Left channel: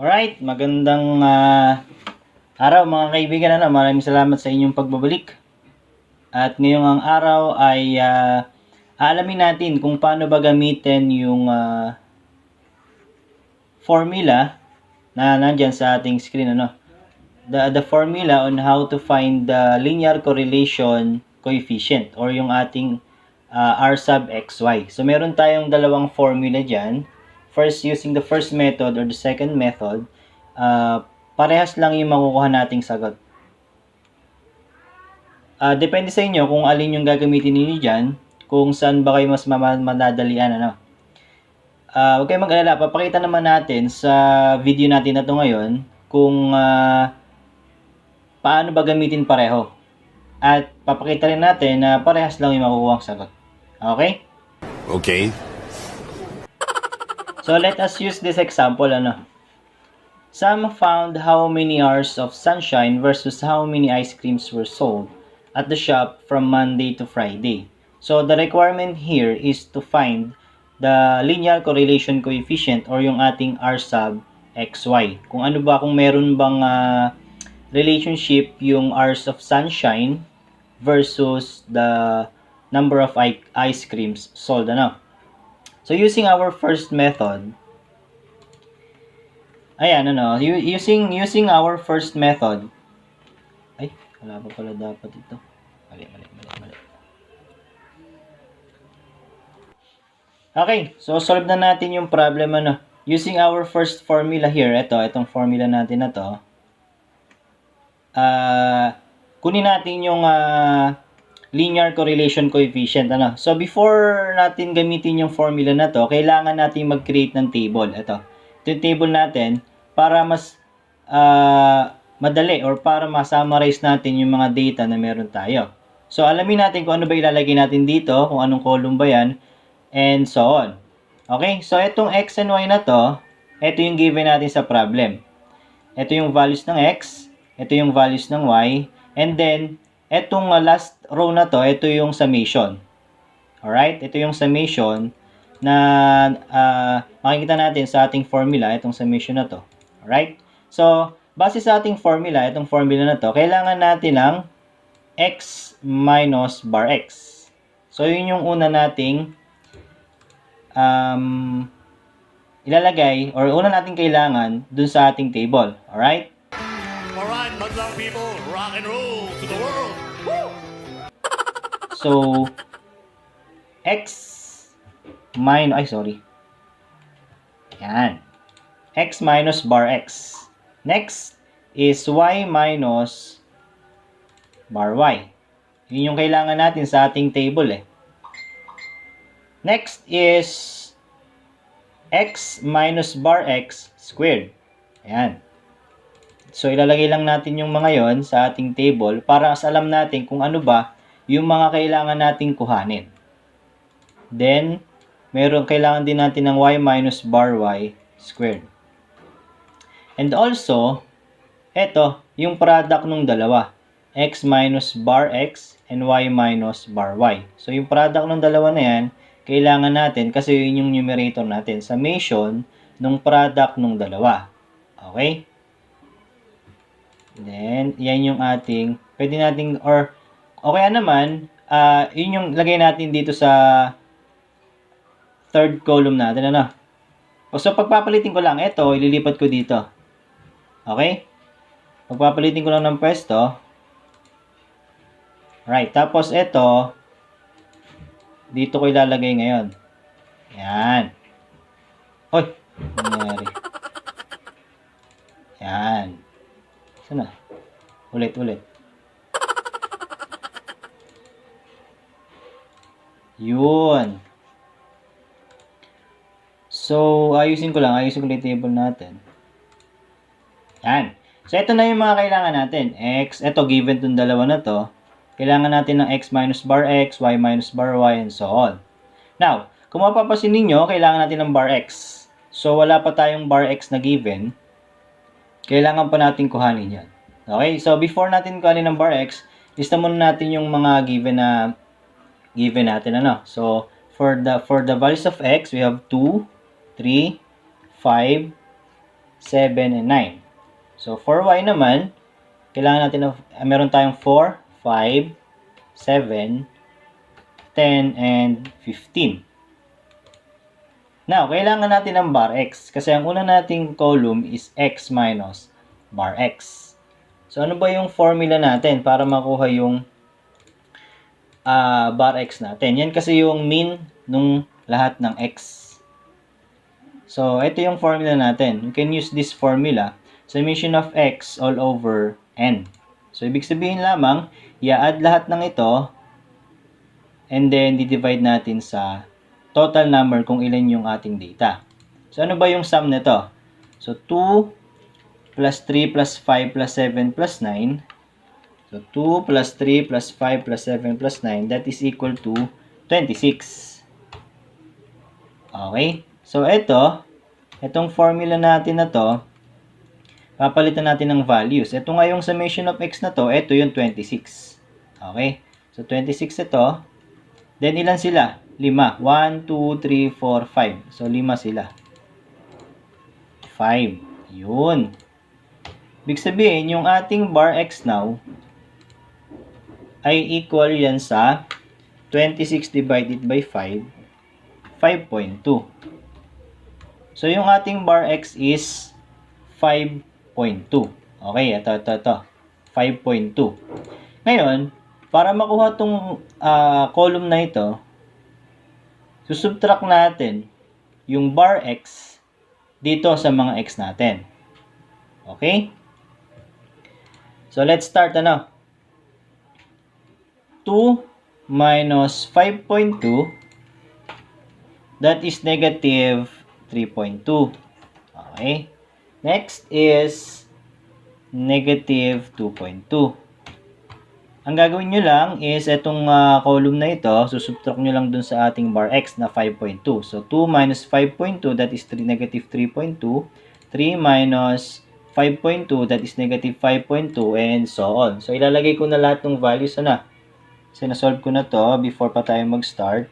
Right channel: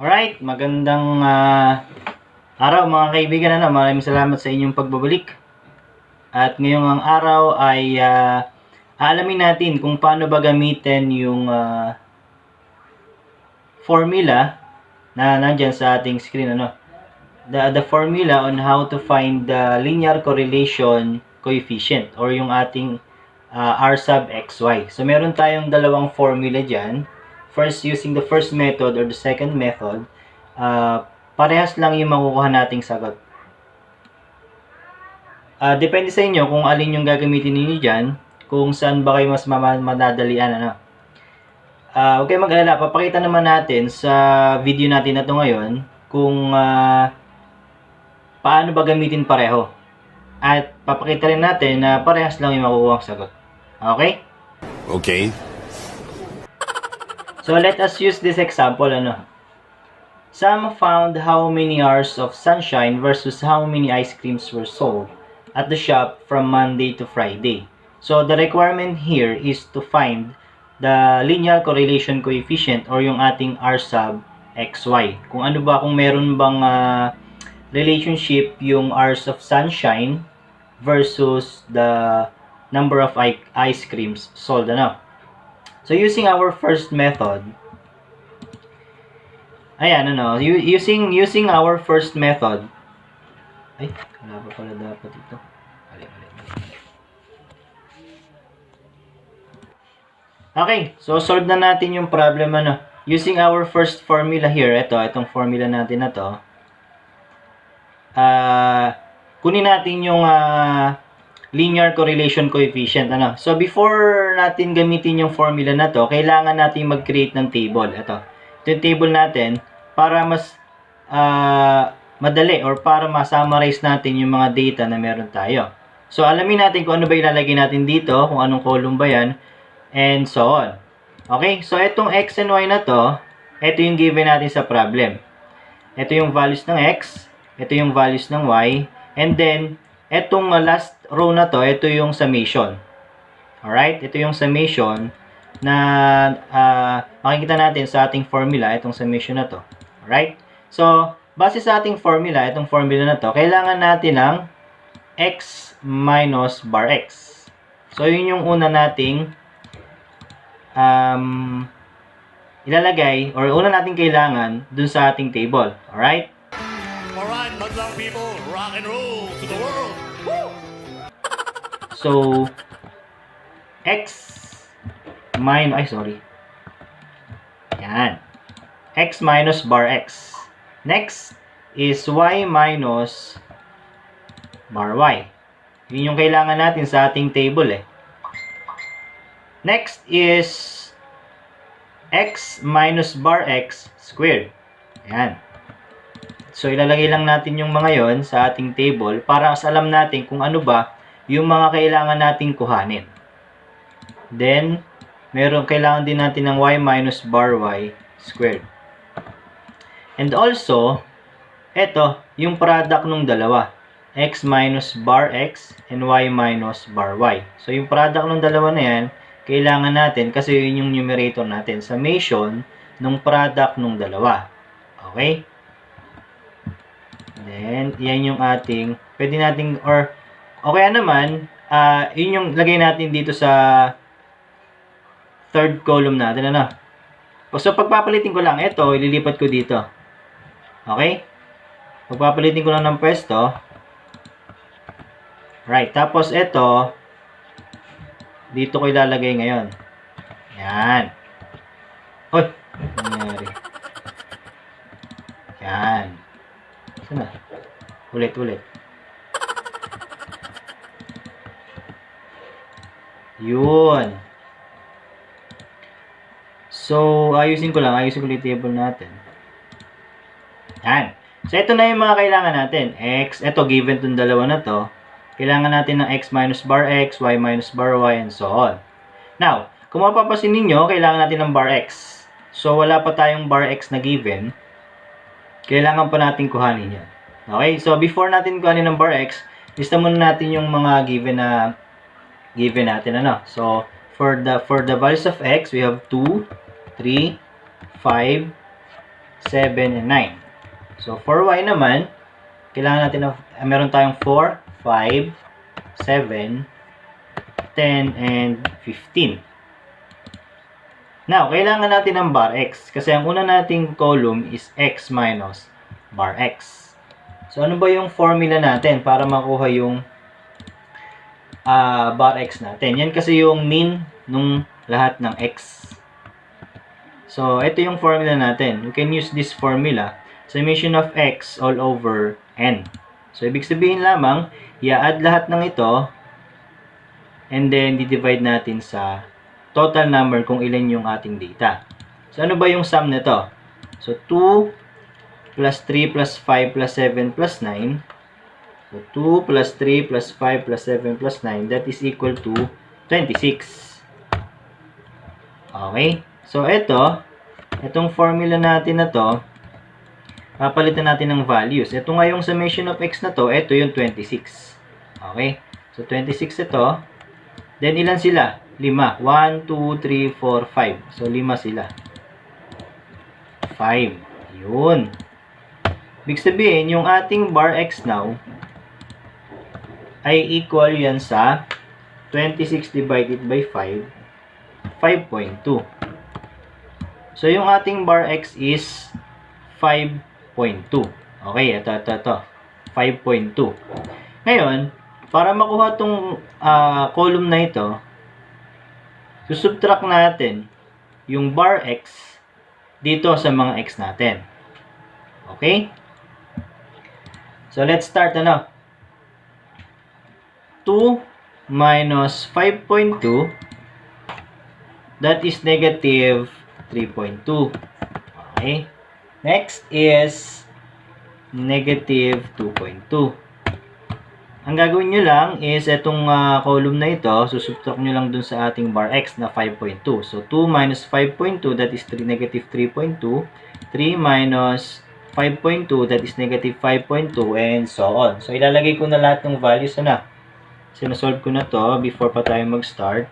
Alright, magandang araw mga kaibigan. Maraming salamat sa inyong pagbabalik. At ngayong araw ay aalamin natin kung paano ba gamitin yung formula na nandyan sa ating screen. The formula on how to find the linear correlation coefficient or yung ating r sub xy. So meron tayong dalawang formula dyan. First, using the first method or the second method, parehas lang yung makukuha nating sagot. Depende sa inyo kung alin yung gagamitin niyo dyan, kung saan ba kayo mas madadalian. Huwag kayong mag-alala, papakita naman natin sa video natin na ito ngayon kung paano ba gamitin pareho. At papakita rin natin na parehas lang yung makukuha sagot. Okay? Okay. So let us use this example. Sam found how many hours of sunshine versus how many ice creams were sold at the shop from Monday to Friday. So the requirement here is to find the linear correlation coefficient or yung ating r sub xy. Kung ano ba, kung meron bang relationship yung hours of sunshine versus the number of ice creams sold. So using our first method, using our first method, wala pa pala dapat ito. Mali. Okay, so solve na natin yung problem. Using our first formula here, itong formula natin na to, kunin natin yung linear correlation coefficient. So before natin gamitin yung formula na to, kailangan natin mag-create ng table. Ito yung table natin para mas madali or para ma-summarize natin yung mga data na meron tayo. So alamin natin kung ano ba ilalagay natin dito, kung anong column ba yan, and so on. Okay, so itong x and y na to, ito yung given natin sa problem. Ito yung values ng x, ito yung values ng y, and then etong last row na to, ito yung summation. Alright, ito yung summation na makikita natin sa ating formula, itong summation na to. Alright, so base sa ating formula, itong formula na to, kailangan natin ng x minus bar x. So yun yung una nating ilalagay or una nating kailangan dun sa ating table. Alright? Alright, madlang people, rock and roll to the world. Woo! So, x minus, yan. X minus bar x. Next is y minus bar y. Yun yung kailangan natin sa ating table. Next is x minus bar x squared. Ayan. So, ilalagay lang natin yung mga yon sa ating table para mas alam natin kung ano ba yung mga kailangan nating kuhanin. Then, kailangan din natin ng y minus bar y squared. And also, ito, yung product ng dalawa. X minus bar x and y minus bar y. So, yung product ng dalawa na yan, kailangan natin kasi yun yung numerator natin. Summation ng product ng dalawa. Okay? Then, yan yung ating, pwede nating, or, okay naman, yun yung lagay natin dito sa third column natin, So, pagpapalitin ko lang, ito, ililipat ko dito. Okay? Pagpapalitin ko lang ng pwesto. Right, tapos ito, dito ko ilalagay ngayon. Yan. Hoy, nangyari. Yan. Sana? Ulit. Yun. So, ayusin ko lang yung table natin. Yan. So, ito na yung mga kailangan natin. X, ito, given itong dalawa na to. Kailangan natin ng x minus bar x, y minus bar y, and so on. Now, kung mapapasin ninyo, kailangan natin ng bar x. So, wala pa tayong bar x na given. Kailangan pa natin kuhanin yan. Okay? So, before natin kuhanin ng bar x, lista muna natin yung mga given natin. So, For the values of x, we have 2, 3, 5, 7, and 9. So, for y naman, kailangan natin meron tayong 4, 5, 7, 10, and 15. Now, kailangan natin ng bar x kasi ang una nating column is x minus bar x. So, ano ba yung formula natin para makuha yung bar x natin? Yan kasi yung mean nung lahat ng x. So, ito yung formula natin. We can use this formula. Summation of x all over n. So, ibig sabihin lamang, i-add lahat ng ito and then di-divide natin sa total number kung ilan yung ating data. So, ano ba yung sum nito? So, 2 plus 3 plus 5 plus 7 plus 9. So, 2 plus 3 plus 5 plus 7 plus 9, that is equal to 26. Okay? So, itong formula natin na to, papalitan natin ng values. Ito nga yung summation of x na to, ito yung 26. Okay? So, 26 ito. Then, ilan sila? 5. 1, 2, 3, 4, 5. So, 5 sila. 5. Yun. Ibig sabihin, yung ating bar x now ay equal yan sa 26 divided by 5, 5.2. So, yung ating bar x is 5.2. Okay, ito. 5.2. Ngayon, para makuha itong column na ito, susubtract natin yung bar x dito sa mga x natin. Okay? So, let's start 2 minus 5.2, that is negative 3.2. Okay? Next is negative 2.2. Ang gagawin nyo lang is itong column na ito, susubtract nyo lang dun sa ating bar x na 5.2. So, 2 minus 5.2, that is negative 3.2. 3 minus 5.2, that is negative 5.2, and so on. So, ilalagay ko na lahat ng values Sinasolve ko na to before pa tayo mag-start.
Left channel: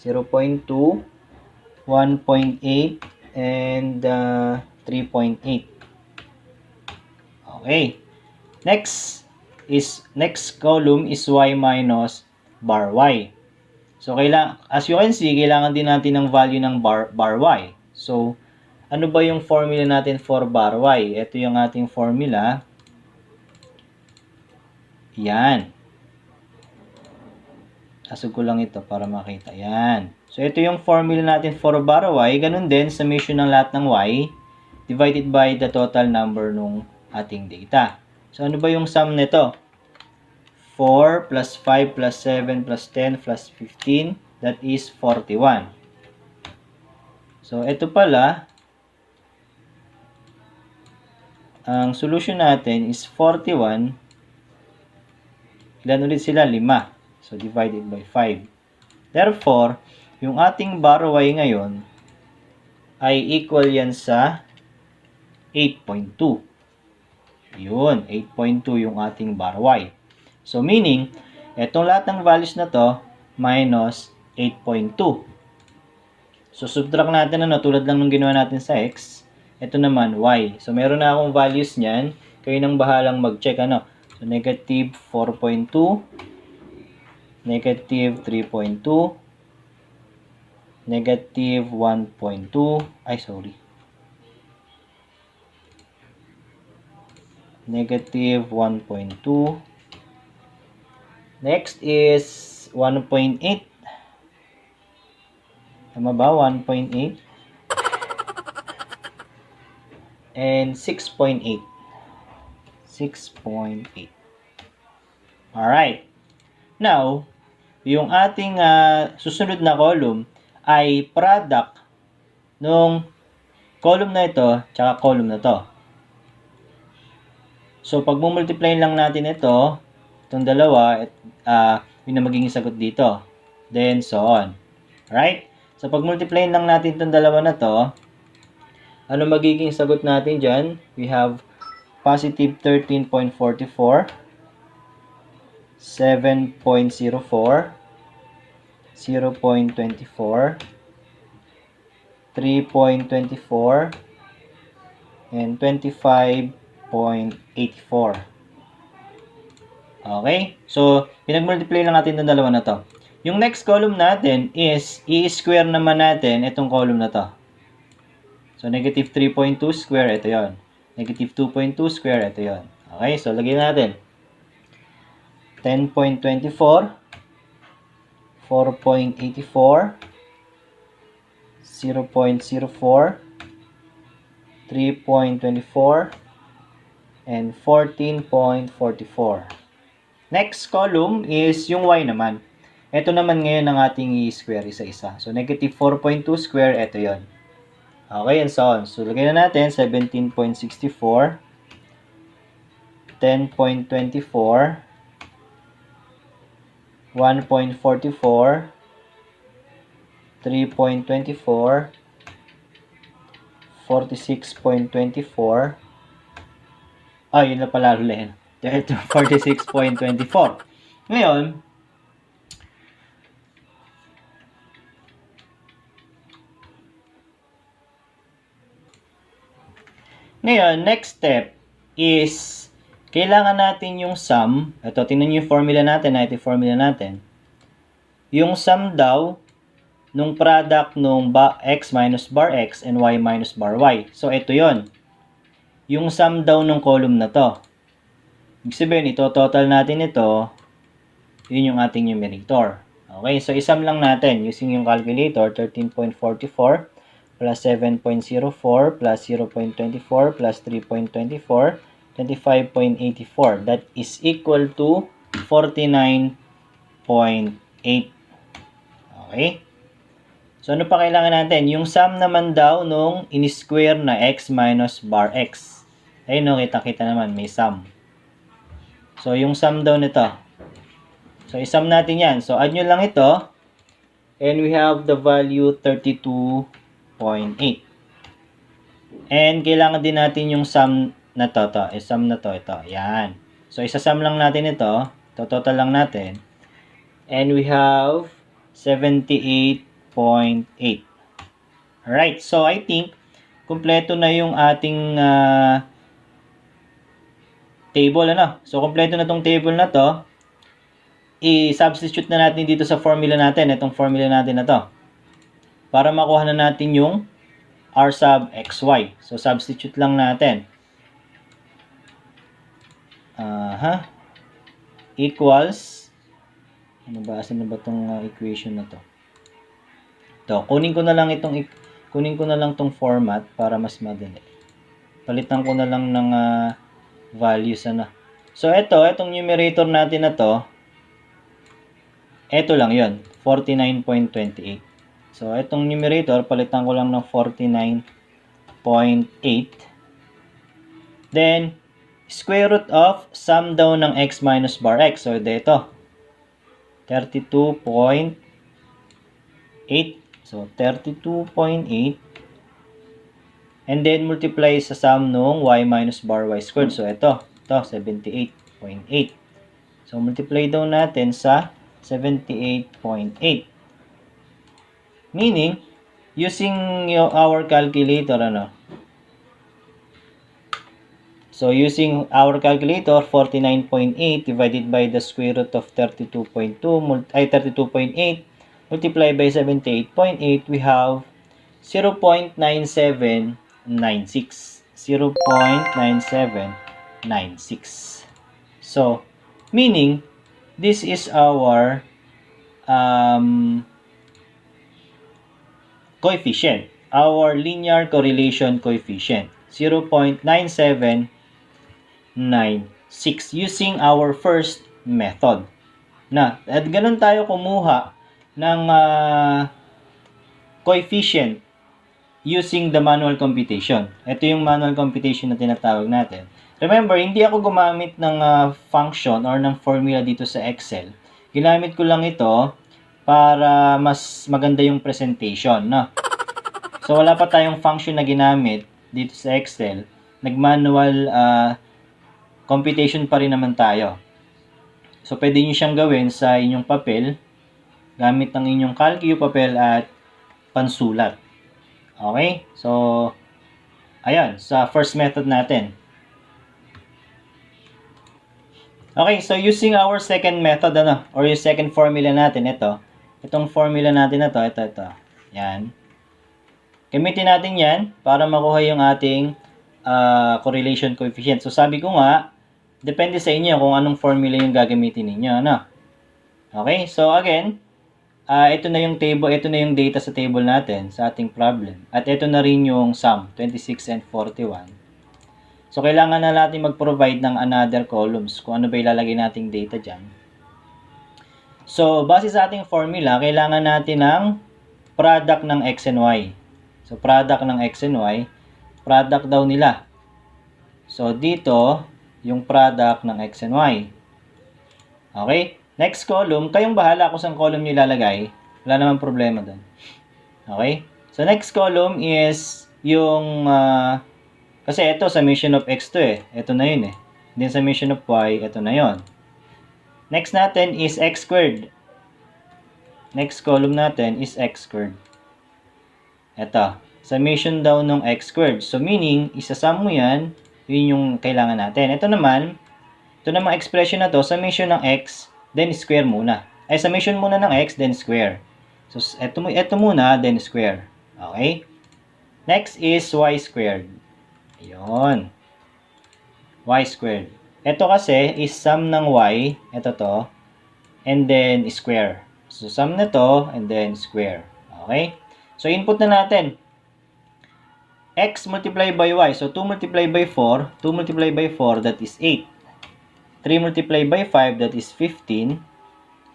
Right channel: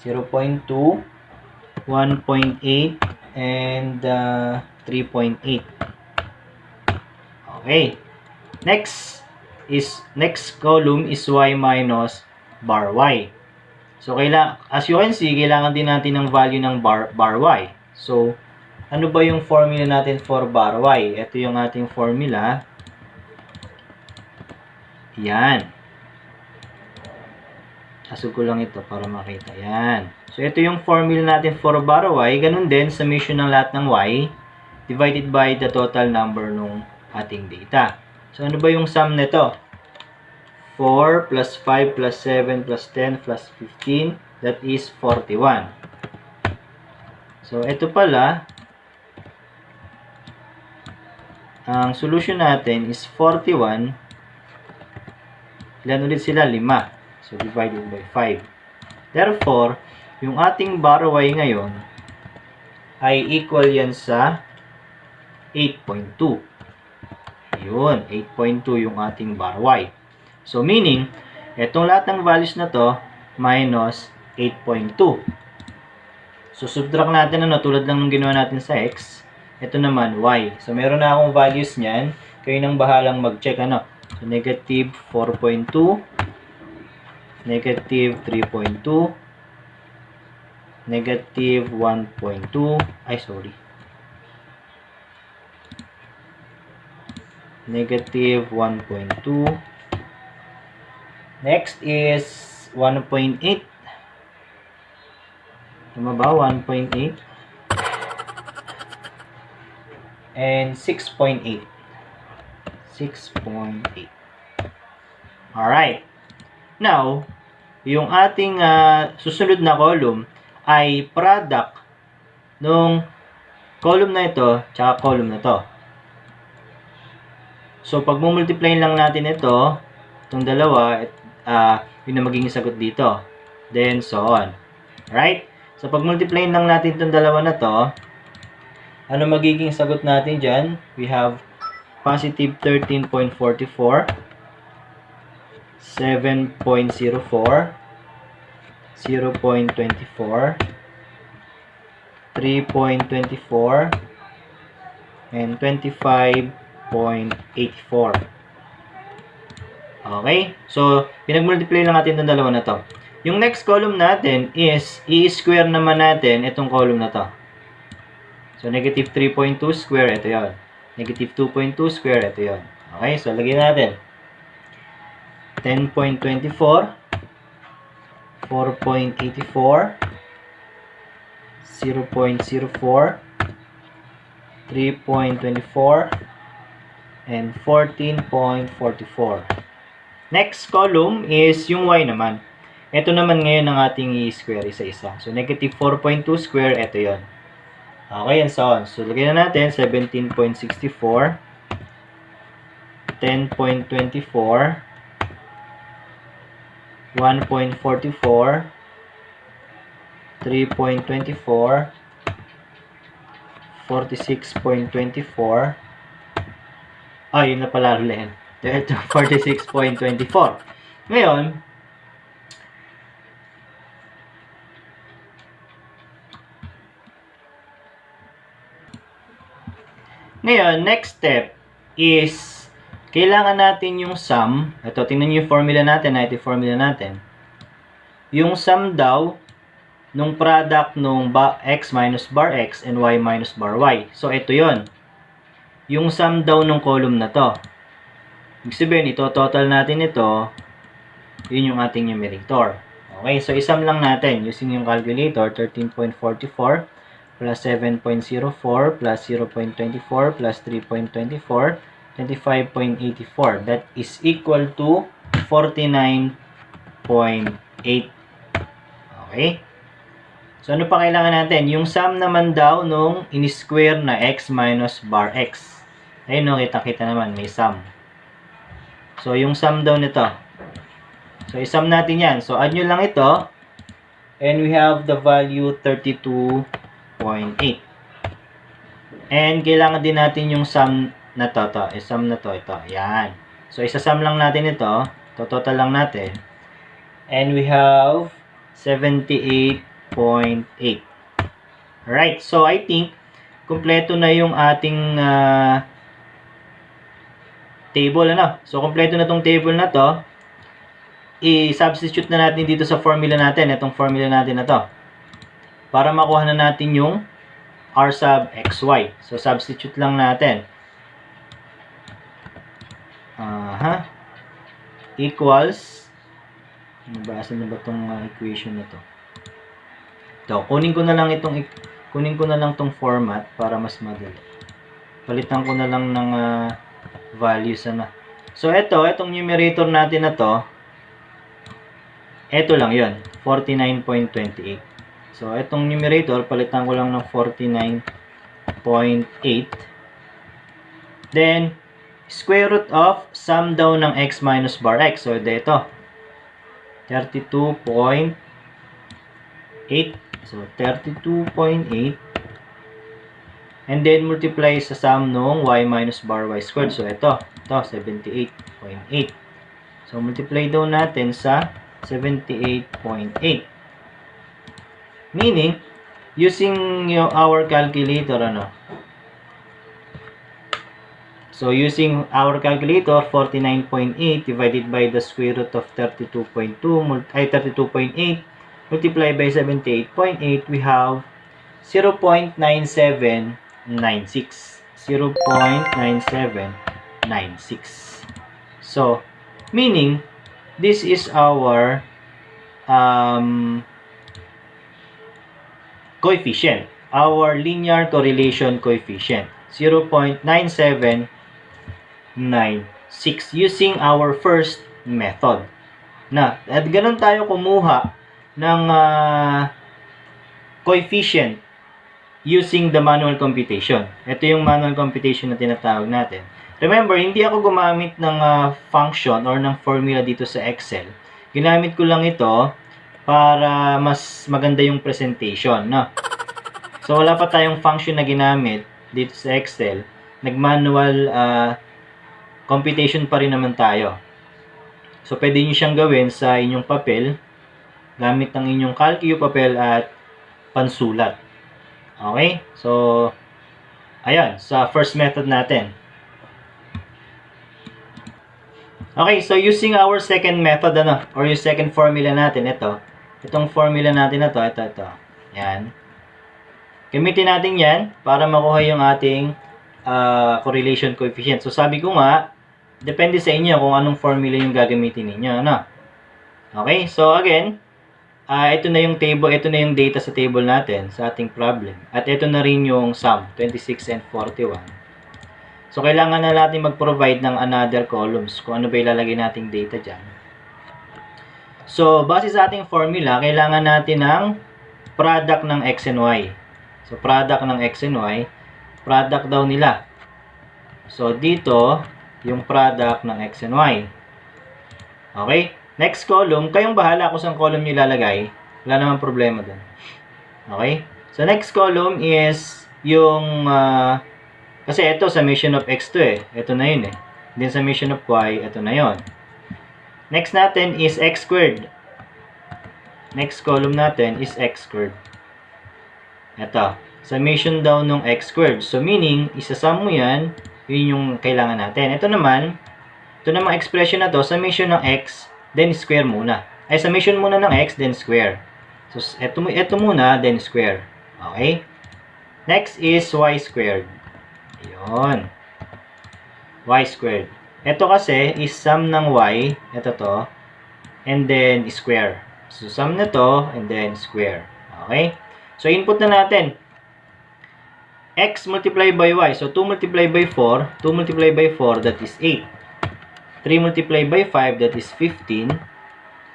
0.2, 1.8, and 3.8. Okay. Next column is y minus bar y. So, as you can see, kailangan din natin ng value ng bar y. So, ano ba yung formula natin for bar y? Ito yung ating formula. Yan. Asog ko lang ito para makita. Yan. So, ito yung formula natin for bar y. Ganun din, summation ng lahat ng y divided by the total number ng ating data. So, ano ba yung sum nito? 4 plus 5 plus 7 plus 10 plus 15, that is 41. So, ito pala, ang solution natin is 41. Ilan ulit sila? 5. So, divided by 5. Therefore, yung ating bar y ngayon ay equal yan sa 8.2. Yun, 8.2 yung ating bar y. So, meaning, etong lahat ng values na to, minus 8.2. So, subtract natin tulad lang nung ginawa natin sa x. Ito naman, y. So, meron na akong values niyan. Kayo nang bahalang mag-check, So, negative 4.2, negative 3.2, negative 1.2, negative 1.2. Next is 1.8. Tama ba? 1.8. And 6.8. 6.8. Alright. Now, yung ating susunod na column ay product nung column na ito tsaka column na to. So, pag multiply lang natin itong dalawa, yun na magiging sagot dito. Then, so on. Right? So, pag multiply lang natin itong dalawa na to, ano magiging sagot natin dyan? We have positive 13.44, 7.04, 0.24, 3.24, and 25.84. Okay? So, pinag-multiply lang natin itong dalawa na to. Yung next column natin is, i-square naman natin itong column na to. So, negative 3.2 square, ito yon. Negative 2.2 square, ito yon. Okay? So, lagyan natin. 10.24, 4.84, 0.04, 3.24, and 14.44. Next column is yung y naman. Ito naman ngayon ang ating i-square isa-isa. So, negative 4.2 square, ito yon. Okay, and so on. So, lagyan na natin 17.64, 10.24, 1.44, 3.24, 46.24. Yun na pala ulit. 46.24. Ngayon, next step is, kailangan natin yung sum. Ito, tingnan nyo yung formula natin. Ito yung formula natin. Yung sum daw nung product nung x minus bar x and y minus bar y. So, ito yon. Yung sum daw nung column na to. Ibig sabihin, ito, total natin ito. Yun yung ating numerator. Okay, so isum lang natin using yung calculator. 13.44 plus 7.04 plus 0.24 plus 3.24, 25.84. That is equal to 49.8. Okay? So, ano pa kailangan natin? Yung sum naman daw nung in-square na x minus bar x. Ayun, no, kita-kita naman, may sum. So, yung sum daw nito. So, isum natin yan. So, add nyo lang ito. And we have the value 32.8. And kailangan din natin yung sum na to. Sum na to, ito. Yan. So, isa-sum lang natin ito. Total lang natin. And we have 78.8. Alright. So, I think, kumpleto na yung ating table, ano? So, kumpleto na tong table na to. I-substitute na natin dito sa formula natin. Itong formula natin na to. Para makuha na natin yung r sub xy. So, substitute lang natin. Equals. Nabasa na ba itong equation na to? Ito. Kunin ko na lang tong format para mas madali. Palitan ko na lang ng values na. So, itong numerator natin na to, ito lang yun, 49.28. So, itong numerator, palitan ko lang ng 49.8. Then, square root of sum daw ng x minus bar x. So, ito, 32.8. So, 32.8. And then, multiply sa sum nung y minus bar y squared. So, ito 78.8. So, multiply daw natin sa 78.8. Meaning, using our calculator, So, using our calculator, 49.8 divided by the square root of 32.8, multiply by 78.8, we have 0.9796. 0.9796. So, meaning, this is our coefficient. Our linear correlation coefficient. 0.9796 using our first method. At ganun tayo kumuha ng coefficient using the manual computation. Ito yung manual computation na tinatawag natin. Remember, hindi ako gumamit ng function or ng formula dito sa Excel. Ginamit ko lang ito para mas maganda yung presentation. So, wala pa tayong function na ginamit dito sa Excel. Nag-manual computation pa rin naman tayo. So, pwede nyo siyang gawin sa inyong papel gamit ang inyong calcu, papel at pansulat. Okay? So, ayan, sa first method natin. Okay, so using our second method, or yung second formula natin, itong formula natin na ito. Yan. Gamitin natin yan para makuha yung ating correlation coefficient. So, sabi ko nga, depende sa inyo kung anong formula yung gagamitin ninyo, Okay, so again, ito na yung table, ito na yung data sa table natin sa ating problem. At ito na rin yung sum, 26 and 41. So, kailangan na natin mag-provide ng another columns kung ano ba ilalagay nating data dyan. So, base sa ating formula, kailangan natin ng product ng x and y. So, product ng x and y, product daw nila. So, dito, yung product ng x and y. Okay? Next column, kayong bahala kung saan column nyo ilalagay. Wala namang problema doon. Okay? So, next column is yung, kasi ito, summation of x to Ito na yun Then, summation of y, ito na yun. Next natin is x squared. Next column natin is x squared. Ito, summation daw ng x squared. So, meaning, isasum mo yan, yun yung kailangan natin. Ito naman expression na to, summation ng x, then square muna. Ay, summation muna ng x, then square. So, ito muna, then square. Okay? Next is y squared. Yun. Y squared. Ito kasi is sum ng y, ito to, and then square. So, sum na to, and then square. Okay? So, input na natin. X multiplied by y. So, 2 multiplied by 4. 2 multiplied by 4, that is 8. 3 multiplied by 5, that is 15.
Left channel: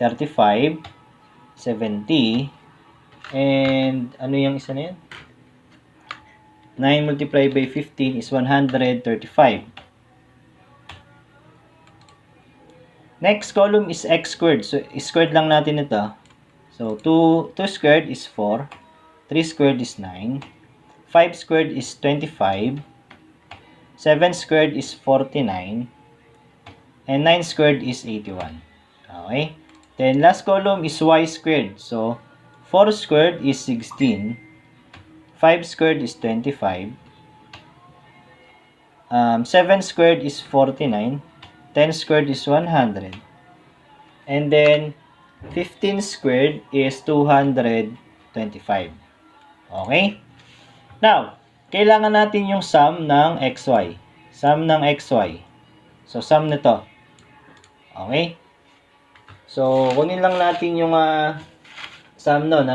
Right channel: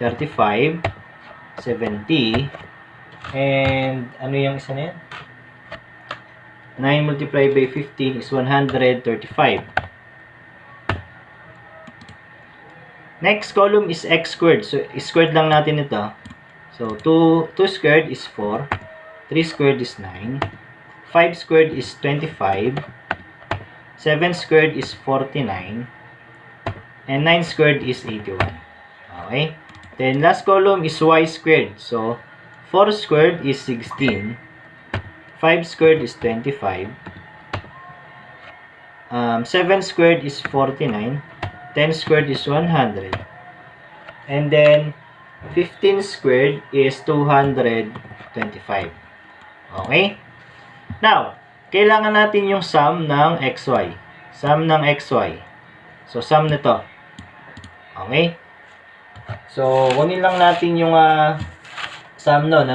35. 70. And, ano yung isa na yan? 9 multiplied by 15 is 135. Next column is x squared. So, squared lang natin ito. So, 2 squared is 4. 3 squared is 9. 5 squared is 25. 7 squared is 49. And 9 squared is 81. Okay? Then, last column is y squared. So, 4 squared is 16. 5 squared is 25. 7 squared is 49. 10 squared is 100. And then, 15 squared is 225. Okay? Now, kailangan natin yung sum ng xy. Sum ng xy. So, sum nito. Okay? So, kunin lang natin yung sum nun,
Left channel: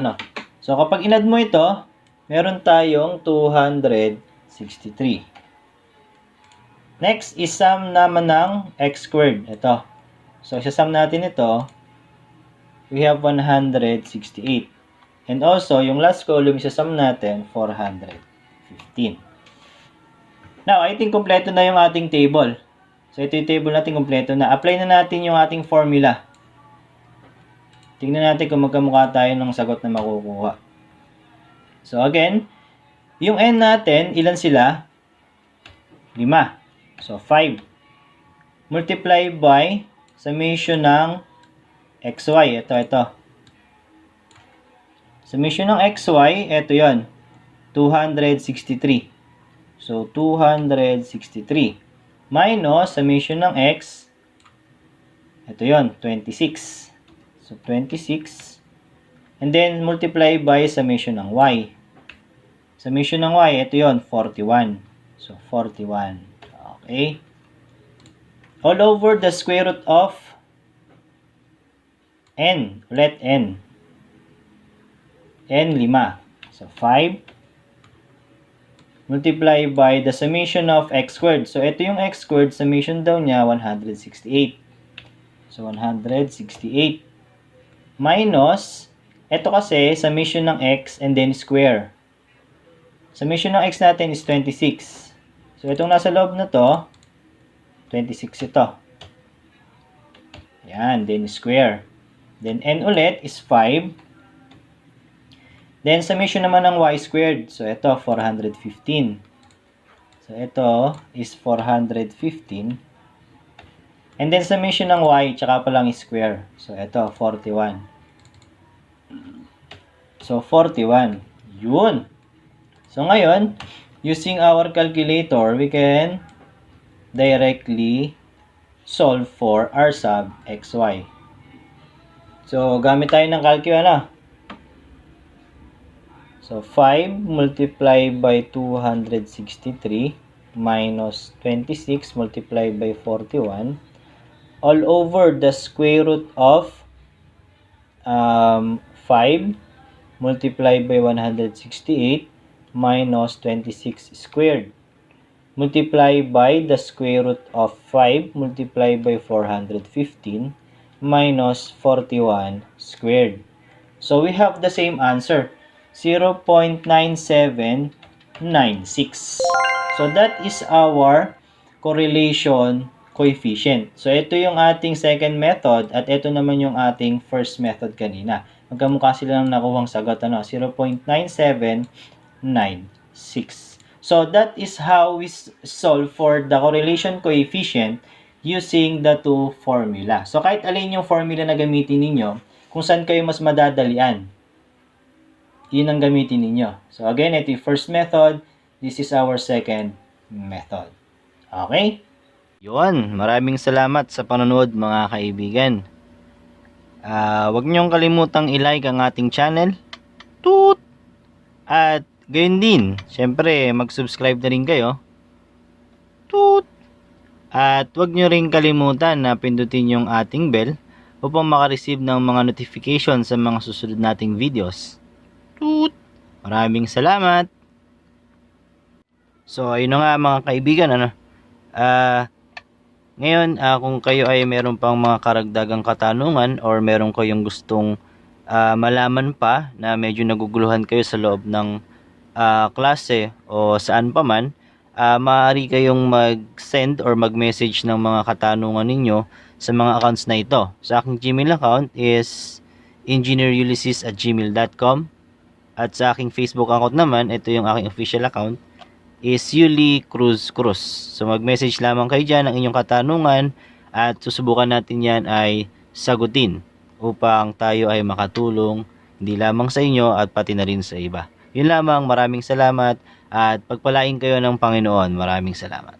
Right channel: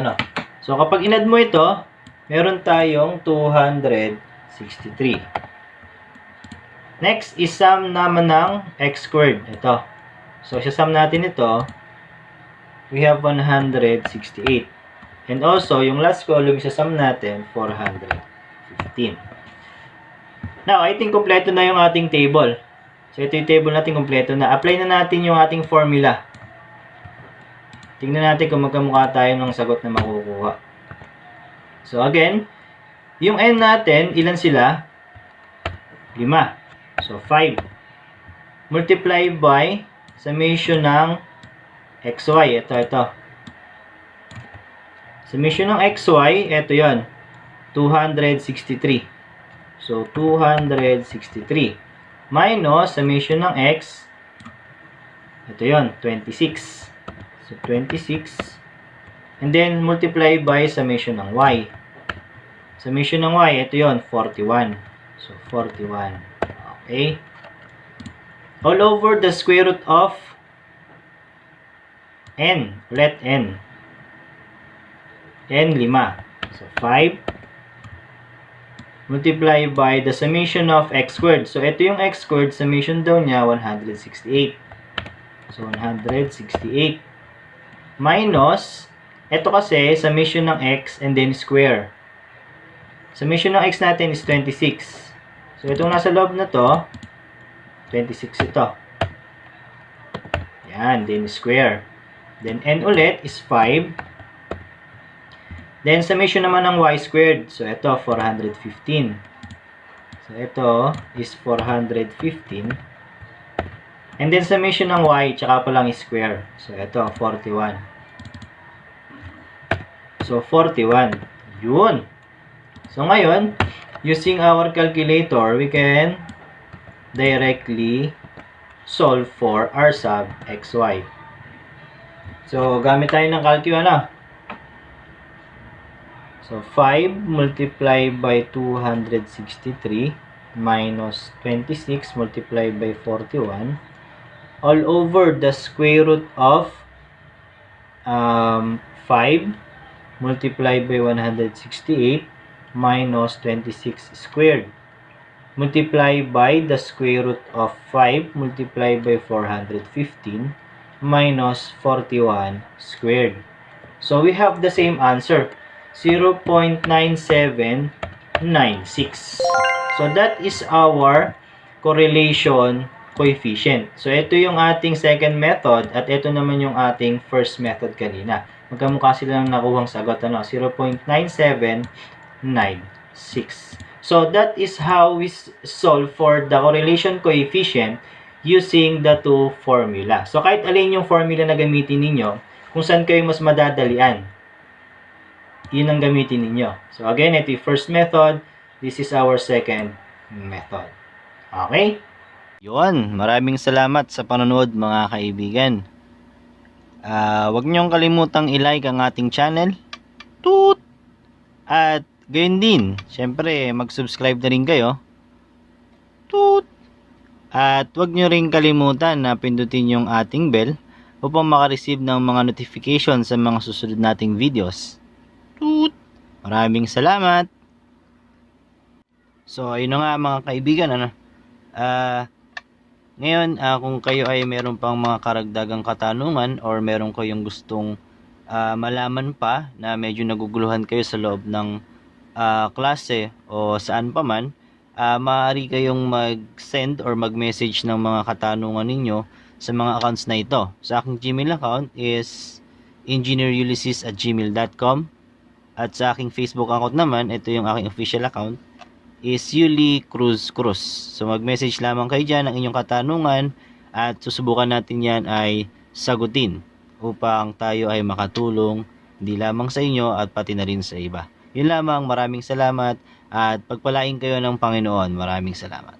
So, kapag inad mo ito, meron tayong 263. Next is sum naman ng x squared. Ito. So, isasum natin ito. We have 168. And also, yung last column, isasum natin 415. Now, I think kompleto na yung ating table. So, ito yung table natin kompleto na. Apply na natin yung ating formula. Tingnan natin kung magkamukha tayo ng sagot na makukuha. So, again, yung n natin, ilan sila? 5. So, 5. Multiply by summation ng xy. Ito. Summation ng xy, ito yon 263. So, 263. Minus summation ng x, ito yon 26. So, 26. And then, multiply by summation ng y. Summation ng y, ito yon 41. So, 41. Okay? All over the square root of n. Let n. N, 5. So, 5. Multiply by the summation of x squared. So, ito yung x squared. Summation daw niya, 168. So, 168. Minus, ito kasi, summation ng x and then square. Summation ng x natin is 26. So, itong nasa loob na to, 26 ito. Yan, then square. Then, n ulit is 5. Then, summation naman ng y squared. So, ito, 415. So, ito is 415. And then, summation ng y, tsaka pa lang is square. So, ito, 41. So, 41. Yun. So, ngayon, using our calculator, we can directly solve for r sub xy. So, gamit tayo ng calcio, ano? So, 5 multiplied by 263 minus 26 multiplied by 41 all over the square root of 5 multiplied by 168 minus 26 squared multiplied by the square root of 5 multiplied by 415 minus 41 squared. So we have the same answer, 0.9796. So that is our correlation coefficient. So ito yung ating second method at ito naman yung ating first method kanina. Magkamukha sila ng nakuhang sagot, ano? 0.9796. So that is how we solve for the correlation coefficient using the two formula. So kahit alin yung formula na gamitin ninyo, kung saan kayo mas madadalian, yun ang gamitin ninyo. So again, ito yung first method. This is our second method. Okay? Yun, maraming salamat sa panonood mga kaibigan. Huwag niyong kalimutang i-like ang ating channel. Toot! At gayon din, syempre mag-subscribe na rin kayo. Toot! At huwag niyo rin kalimutan na pindutin yung ating bell upang makareceive ng mga notification sa mga susunod nating videos. Toot! Maraming salamat! So, ayun na nga mga kaibigan, ano? Ngayon, kung kayo ay meron pang mga karagdagang katanungan or meron kayong gustong malaman pa na medyo naguguluhan kayo sa loob ng klase o saan pa man, maaari kayong mag-send or mag-message ng mga katanungan ninyo sa mga accounts na ito. Sa aking Gmail account is engineerulysses@gmail.com at sa aking Facebook account naman, ito yung aking official account, is Yuli Cruz Cruz. So mag-message lamang kayo dyan ng inyong katanungan at susubukan natin yan ay sagutin upang tayo ay makatulong hindi lamang sa inyo at pati na rin sa iba. Yun lamang, maraming salamat at pagpalain kayo ng Panginoon. Maraming salamat.